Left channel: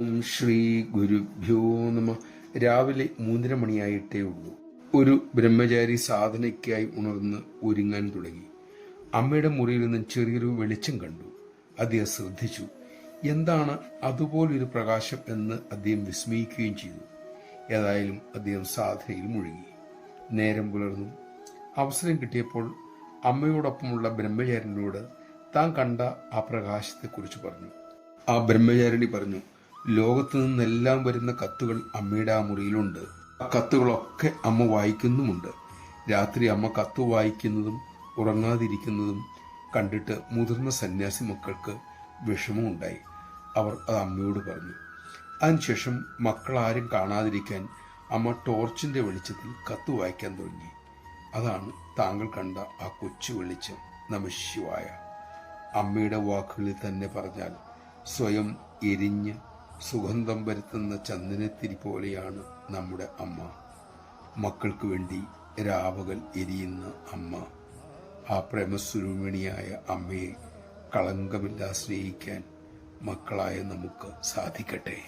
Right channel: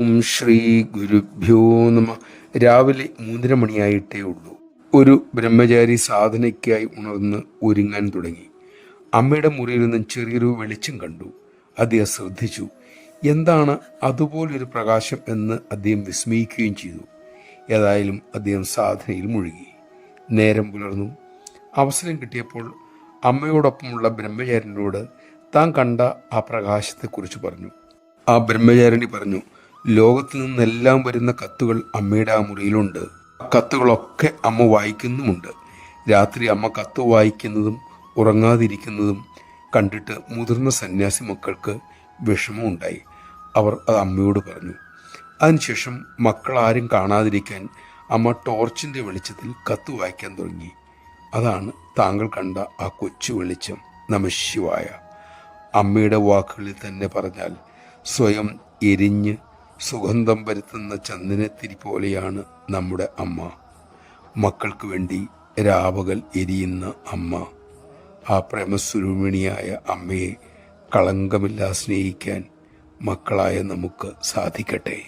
ഓം ശ്രീ ഗുരുഭ്യോ നമ. രാവിലെ 3:30 മണിയായിട്ടേ ഉള്ളൂ. ഒരു ബ്രഹ്മചാരി സാധനയ്ക്കായി ഉണർന്ന് ഒരുങ്ങാൻ തുടങ്ങി. അമ്മയുടെ മുറിയിൽ നിന്നും ചെറിയൊരു വെളിച്ചം കണ്ടു. അദ്ദേഹം ശ്രദ്ധിച്ചു. എന്താണ് അതുപോലൊരു പ്രകാശം എന്ന് അദ്ദേഹം വിസ്മയിക്കുകയും ചെയ്തു. ഏതായാലും അദ്ദേഹം സാധനയിൽ മുഴുകി. നേരം പുലർന്നു. അവസരം കിട്ടിയപ്പോൾ അമ്മയോടൊപ്പമുള്ള ബ്രഹ്മചാരിനോട് താൻ കണ്ട ആ പ്രകാശത്തെക്കുറിച്ച് പറഞ്ഞു. ആ ബ്രഹ്മചാരിണി പറഞ്ഞു, ലോകത്തു നിന്നെല്ലാം വരുന്ന കത്തുകൾ അമ്മയുടെ ആ മുറിയിലുണ്ട്. ആ കത്തുകളൊക്കെ അമ്മ വായിക്കുന്നുമുണ്ട്. രാത്രി അമ്മ കത്ത് വായിക്കുന്നതും ഉറങ്ങാതിരിക്കുന്നതും കണ്ടിട്ട് മുതിർന്ന സന്യാസി മക്കൾക്ക് വിഷമമുണ്ടായി. അവർ അത് അമ്മയോട് പറഞ്ഞു. അതിനുശേഷം മക്കൾ ആരും കാണാതിരിക്കാൻ അമ്മ ടോർച്ചിൻ്റെ വെളിച്ചത്തിൽ കത്ത് വായിക്കാൻ തുടങ്ങി. അതാണ് താങ്കൾ കണ്ട ആ കൊച്ചു വെളിച്ചം. നമഃശിവായ. അമ്മയുടെ വാക്കുകളിൽ തന്നെ പറഞ്ഞാൽ, സ്വയം എരിഞ്ഞ് സുഗന്ധം വരുത്തുന്ന ചന്ദനത്തിരി പോലെയാണ് നമ്മുടെ അമ്മ. മക്കൾക്ക് വേണ്ടി രാപകൽ എരിയുന്ന അമ്മ. ആ പ്രേമസ്വരൂപിണിയായ അമ്മയെ കളങ്കമില്ലാതെ സ്നേഹിക്കാൻ മക്കളായ നമുക്ക് സാധിക്കട്ടെ.